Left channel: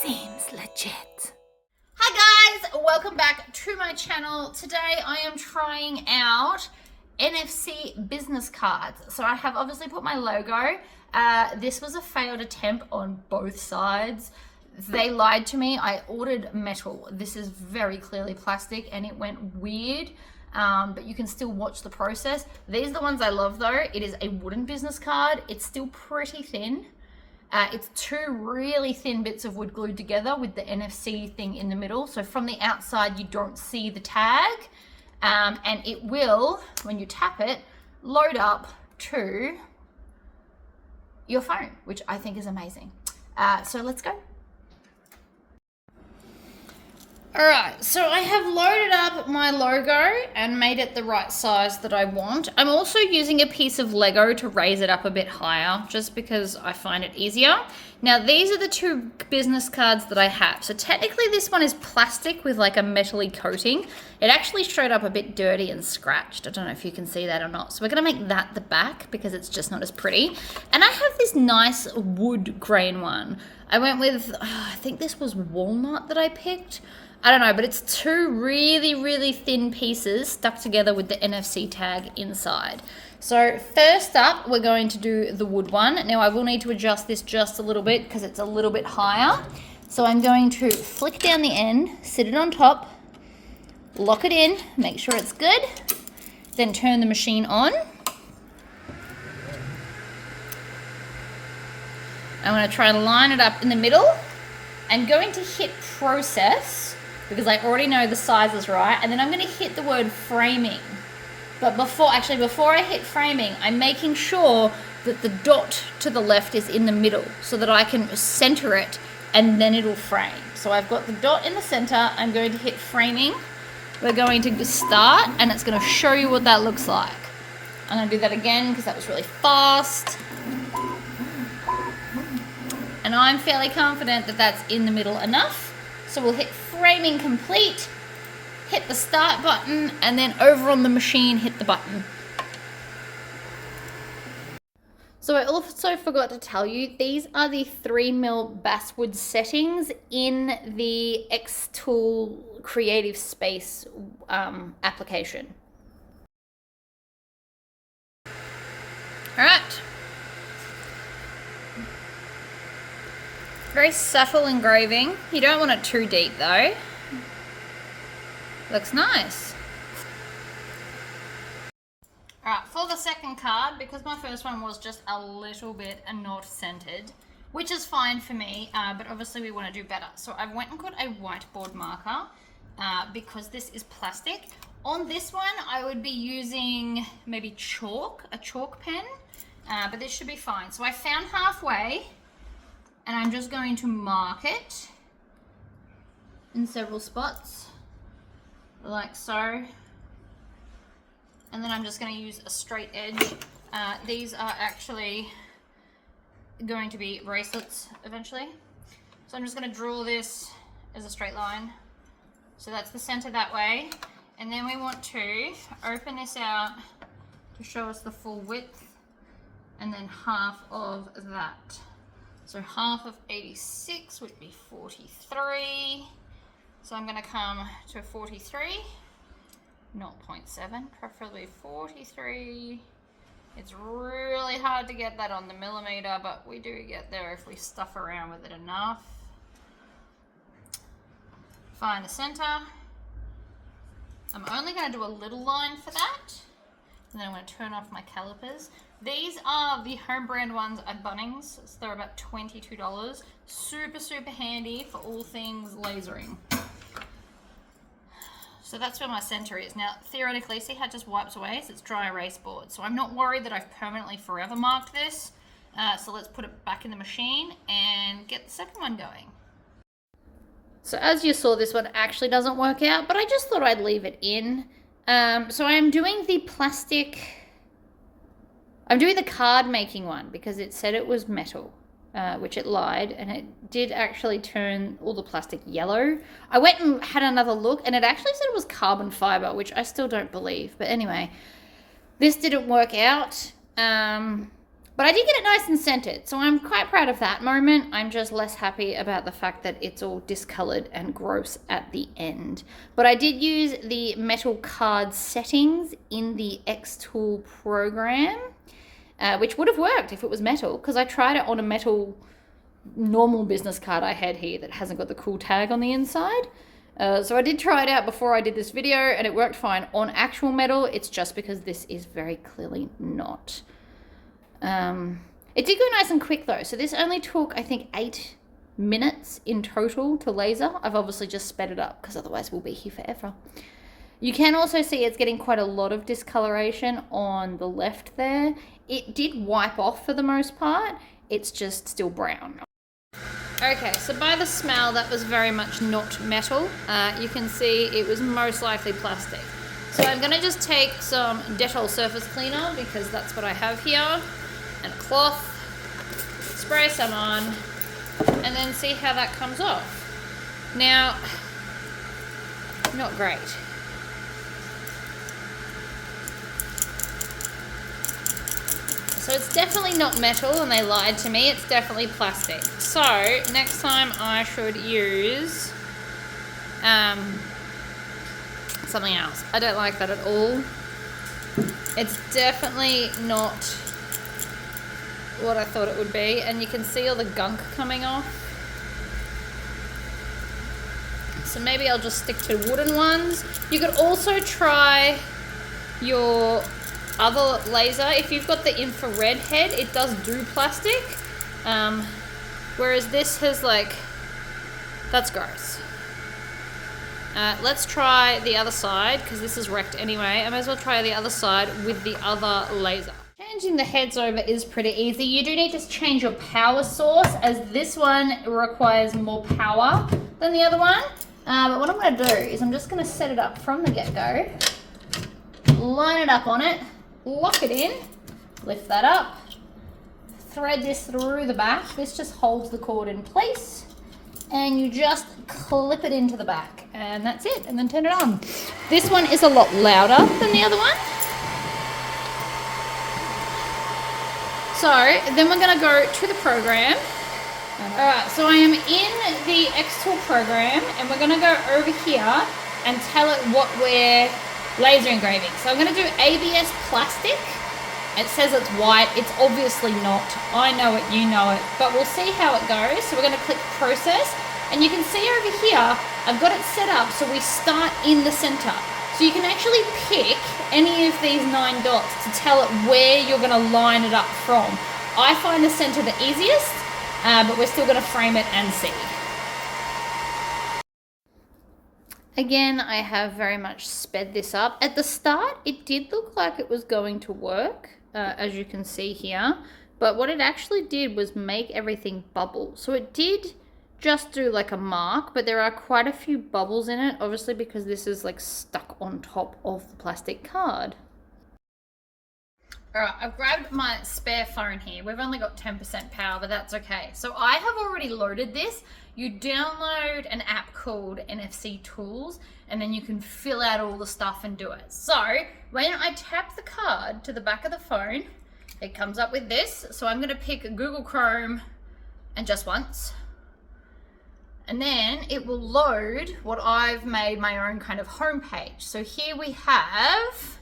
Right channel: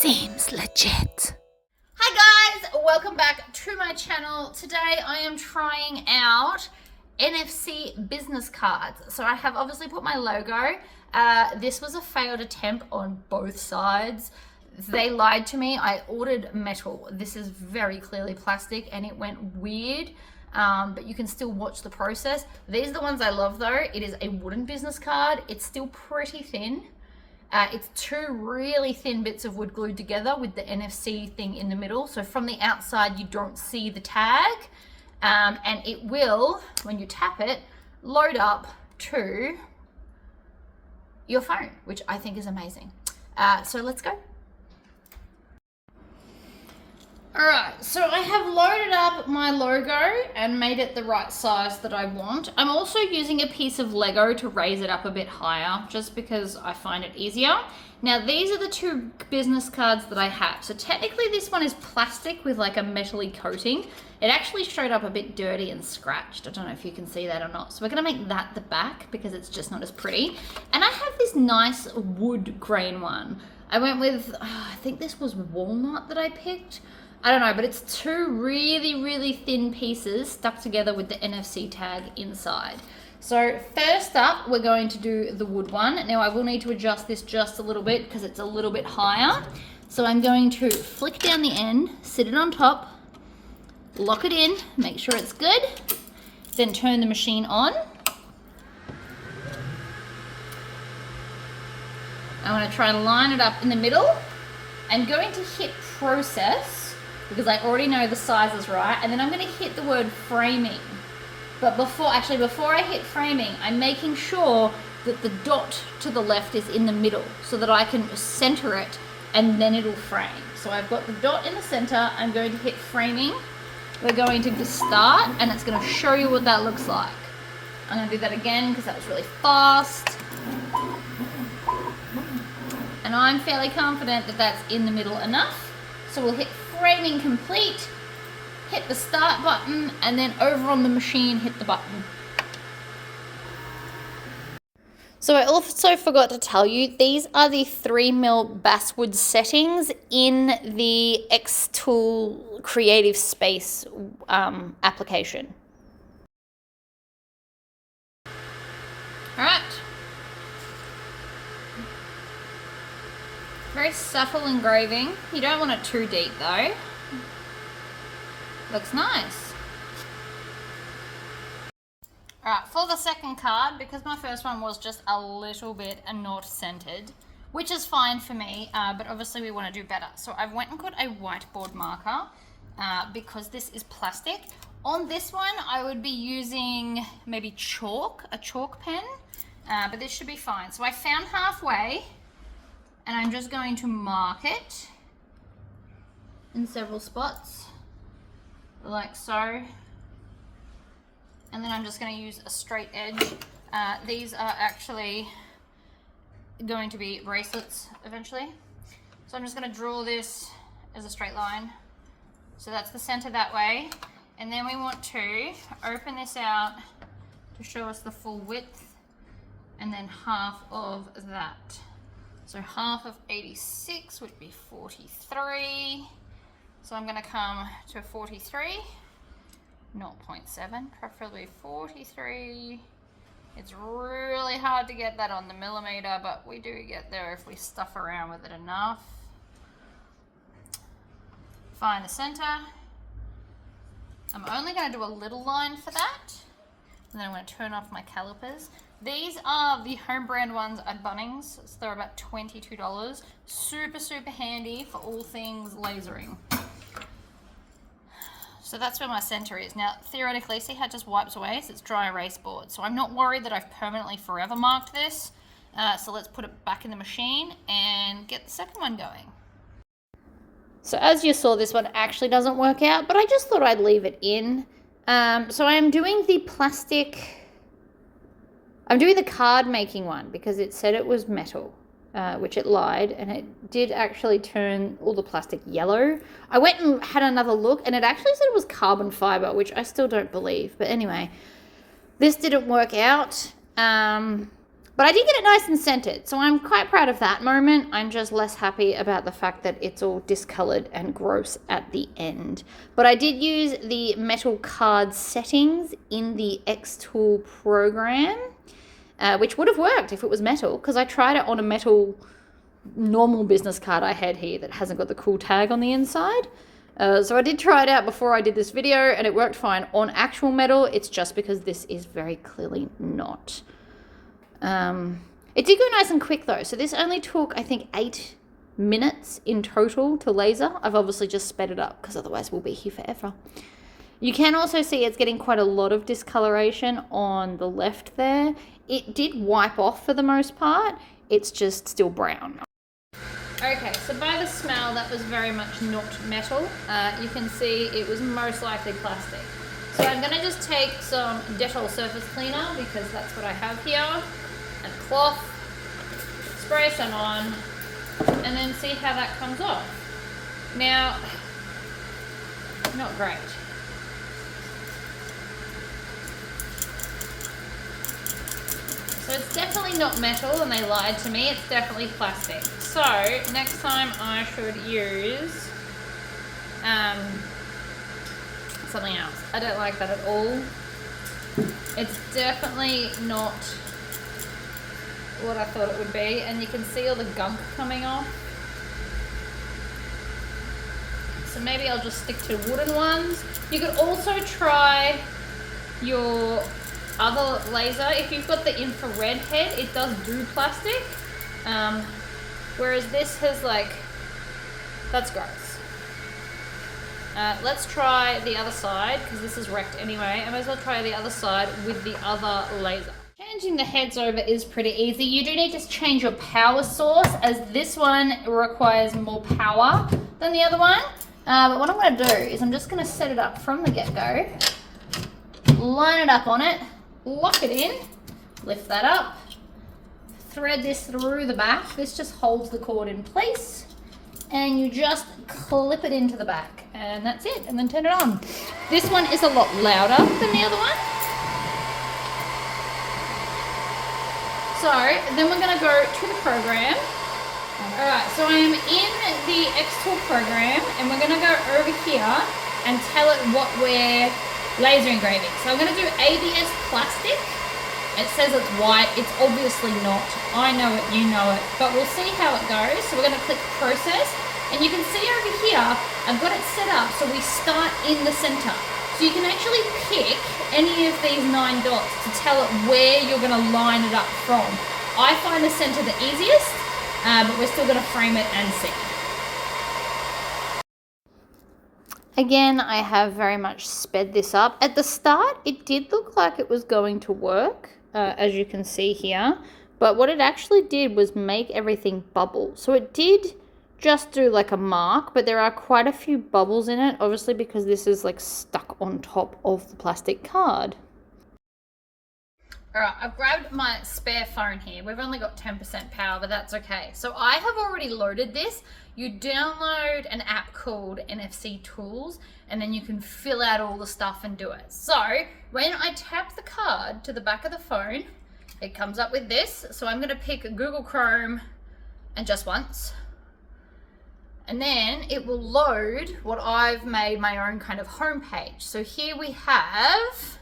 Seems legit. Hi guys, welcome back to my channel. Today I am trying out NFC business cards. So I have obviously put my logo. This was a failed attempt on both sides. They lied to me. I ordered metal. This is very clearly plastic and it went weird. But you can still watch the process. These are the ones I love though. It is a wooden business card. It's still pretty thin. It's two really thin bits of wood glued together with the NFC thing in the middle. So from the outside, you don't see the tag. And it will, when you tap it, load up to your phone, which I think is amazing. So let's go. All right, so I have loaded up my logo and made it the right size that I want. I'm also using a piece of Lego to raise it up a bit higher, just because I find it easier. Now, these are the two business cards that I have. So technically this one is plastic with like a metally coating. It actually showed up a bit dirty and scratched. I don't know if you can see that or not. So we're gonna make that the back because it's just not as pretty. And I have this nice wood grain one. I went with, I think this was walnut that I picked. I don't know, but it's two really thin pieces stuck together with the NFC tag inside. So first up, we're going to do the wood one. Now I will need to adjust this just a little bit because it's a little bit higher. So I'm going to flick down the end, sit it on top, lock it in, make sure it's good, then turn the machine on. I'm going to try and line it up in the middle. I'm going to hit process because I already know the size is right, and then I'm going to hit the word framing. But before I hit framing, I'm making sure that the dot to the left is in the middle so that I can center it and then it'll frame. So I've got the dot in the center. I'm going to hit framing. We're going to start and it's going to show you what that looks like. I'm going to do that again because that was really fast. And I'm fairly confident that that's in the middle enough. So we'll hit framing complete, hit the start button, and then over on the machine, hit the button. So I also forgot to tell you, these are the 3mm basswood settings in the Xtool Creative Space application. All right. Very subtle engraving. You don't want it too deep though. Looks nice. Alright, for the second card, because my first one was just a little bit not centered, which is fine for me, but obviously we want to do better. So I went and got a whiteboard marker because this is plastic. On this one, I would be using maybe a chalk pen, but this should be fine. So I found halfway. And I'm just going to mark it in several spots, like so. And then I'm just going to use a straight edge. These are actually going to be bracelets eventually. So I'm just going to draw this as a straight line. So that's the center that way. And then we want to open this out to show us the full width and then half of that. So half of 86 would be 43. So I'm going to come to 43, 0.7, preferably 43. It's really hard to get that on the millimeter, but we do get there if we stuff around with it enough. Find the center. I'm only going to do a little line for that. And then I'm going to turn off my calipers. These are the home brand ones at Bunnings. So they're about $22. Super handy for all things lasering. So that's where my center is. Now, theoretically, see how it just wipes away? So it's dry erase board. So I'm not worried that I've permanently forever marked this. So let's put it back in the machine and get the second one going. So as you saw, this one actually doesn't work out, but I just thought I'd leave it in. So I'm doing the plastic... I'm doing the card making one because it said it was metal, which it lied, and it did actually turn all the plastic yellow. I went and had another look and it actually said it was carbon fiber, which I still don't believe. But anyway, this didn't work out. But I did get it nice and scented, so I'm quite proud of that moment. I'm just less happy about the fact that it's all discolored and gross at the end. But I did use the metal card settings in the Xtool program, which would have worked if it was metal, because I tried it on a metal normal business card I had here that hasn't got the cool tag on the inside. So I did try it out before I did this video, and it worked fine on actual metal. It's just because this is very clearly not. It did go nice and quick though. So this only took, I think, 8 minutes in total to laser. I've obviously just sped it up because otherwise we'll be here forever. You can also see it's getting quite a lot of discoloration on the left there. It did wipe off for the most part. It's just still brown. Okay, so by the smell, that was very much not metal. You can see it was most likely plastic. So I'm going to just take some Dettol surface cleaner, because that's what I have here, and a cloth, spray some on, and then see how that comes off. Now, not great. So it's definitely not metal, and they lied to me. It's definitely plastic. So next time I should use something else. I don't like that at all. It's definitely not what I thought it would be, and you can see all the gunk coming off. So maybe I'll just stick to wooden ones. You could also try your other laser. If you've got the infrared head, it does do plastic, whereas this has that's gross. Let's try the other side, because this is wrecked anyway. I might as well try the other side with the other laser. Changing the heads over is pretty easy. You do need to change your power source, as this one requires more power than the other one. But what I'm going to do is I'm just going to set it up from the get-go, line it up on it, lock it in, lift that up, thread this through the back. This just holds the cord in place, and you just clip it into the back, and that's it, and then turn it on. This one is a lot louder than the other one. So then we're going to go to the program. Alright, so I am in the Xtool program, and we're going to go over here and tell it what we're laser engraving. So I'm going to do ABS plastic. It says it's white. It's obviously not. I know it, you know it, but we'll see how it goes. So we're going to click process, and you can see over here I've got it set up so we start in the center. So you can actually pick any of these 9 dots to tell it where you're going to line it up from. I find the center the easiest, but we're still going to frame it and see. Again, I have very much sped this up. At the start, it did look like it was going to work, as you can see here. But what it actually did was make everything bubble. So it did just do like a mark, but there are quite a few bubbles in it, obviously because this is like stuck on top of the plastic card. Alright, I've grabbed my spare phone here. We've only got 10% power, but that's okay. So I have already loaded this. You download an app called NFC Tools, and then you can fill out all the stuff and do it. So when I tap the card to the back of the phone, it comes up with this. So I'm going to pick Google Chrome and just once. And then it will load what I've made my own kind of homepage. So here we have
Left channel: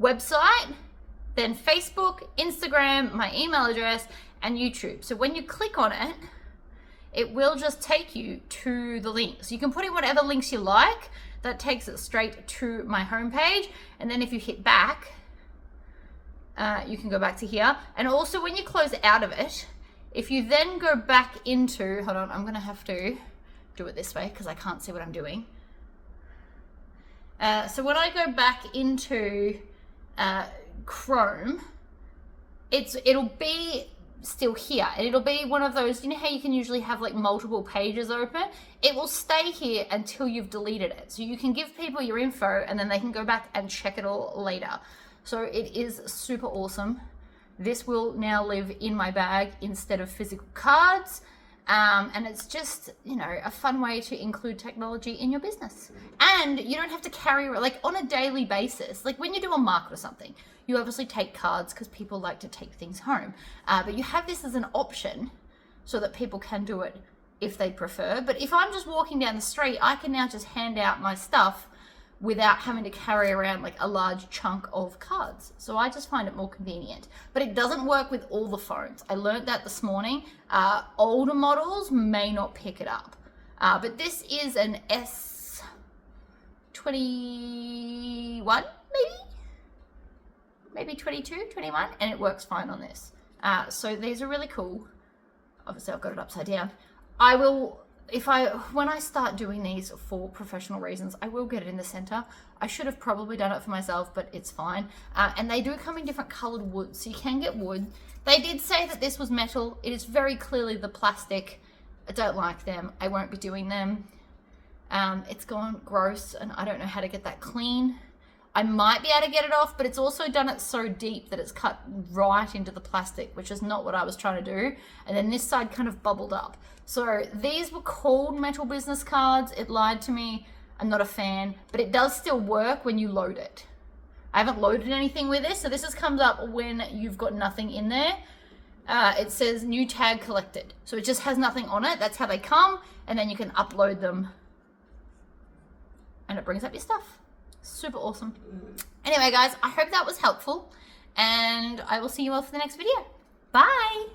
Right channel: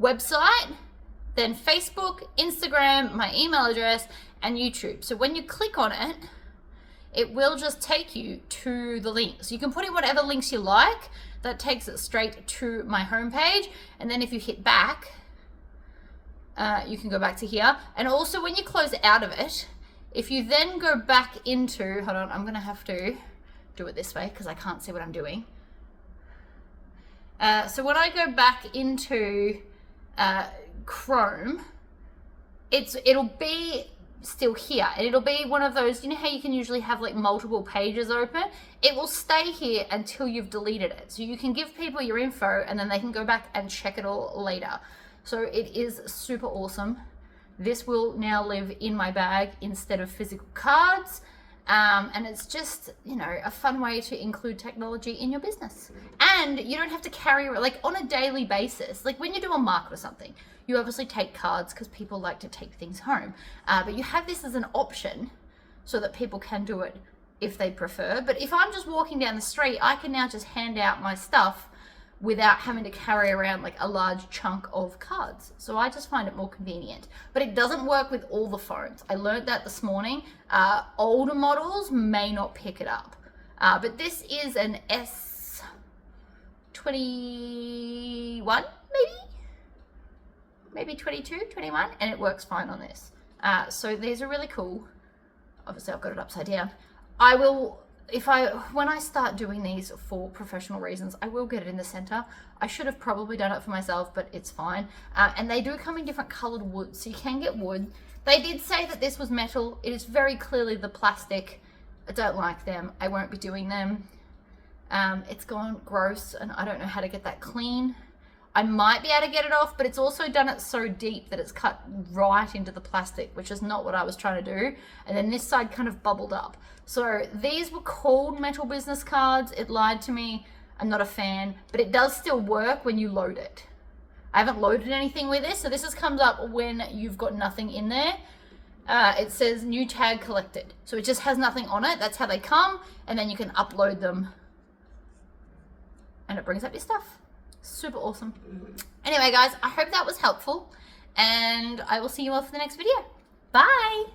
website, then Facebook, Instagram, my email address, and YouTube. So when you click on it, it will just take you to the links. You can put in whatever links you like. That takes it straight to my homepage. And then if you hit back, you can go back to here. And also when you close out of it, if you then go back into, hold on, I'm gonna have to do it this way because I can't see what I'm doing. So when I go back into Chrome, it'll be still here, and it'll be one of those, you know how you can usually have like multiple pages open? It will stay here until you've deleted it. So you can give people your info and then they can go back and check it all later. So it is super awesome. This will now live in my bag instead of physical cards. And it's just, you know, a fun way to include technology in your business. And you don't have to carry, like, on a daily basis. Like, when you do a market or something, you obviously take cards because people like to take things home. But you have this as an option so that people can do it if they prefer. But if I'm just walking down the street, I can now just hand out my stuff without having to carry around like a large chunk of cards. So I just find it more convenient. But it doesn't work with all the phones. I learned that this morning. Older models may not pick it up. But this is an S21, maybe 22, 21, and it works fine on this. So these are really cool. Obviously I've got it upside down. When I start doing these for professional reasons, I will get it in the center. I should have probably done it for myself, but it's fine. And they do come in different colored wood, so you can get wood. They did say that this was metal. It is very clearly the plastic. I don't like them. I won't be doing them. It's gone gross, and I don't know how to get that clean. I might be able to get it off, but it's also done it so deep that it's cut right into the plastic, which is not what I was trying to do. And then this side kind of bubbled up. So these were called metal business cards. It lied to me. I'm not a fan, but it does still work when you load it. I haven't loaded anything with this, so this just comes up when you've got nothing in there. It says new tag collected. So it just has nothing on it. That's how they come, and then you can upload them and it brings up your stuff. Super awesome. Anyway, guys, I hope that was helpful, and I will see you all for the next video. Bye.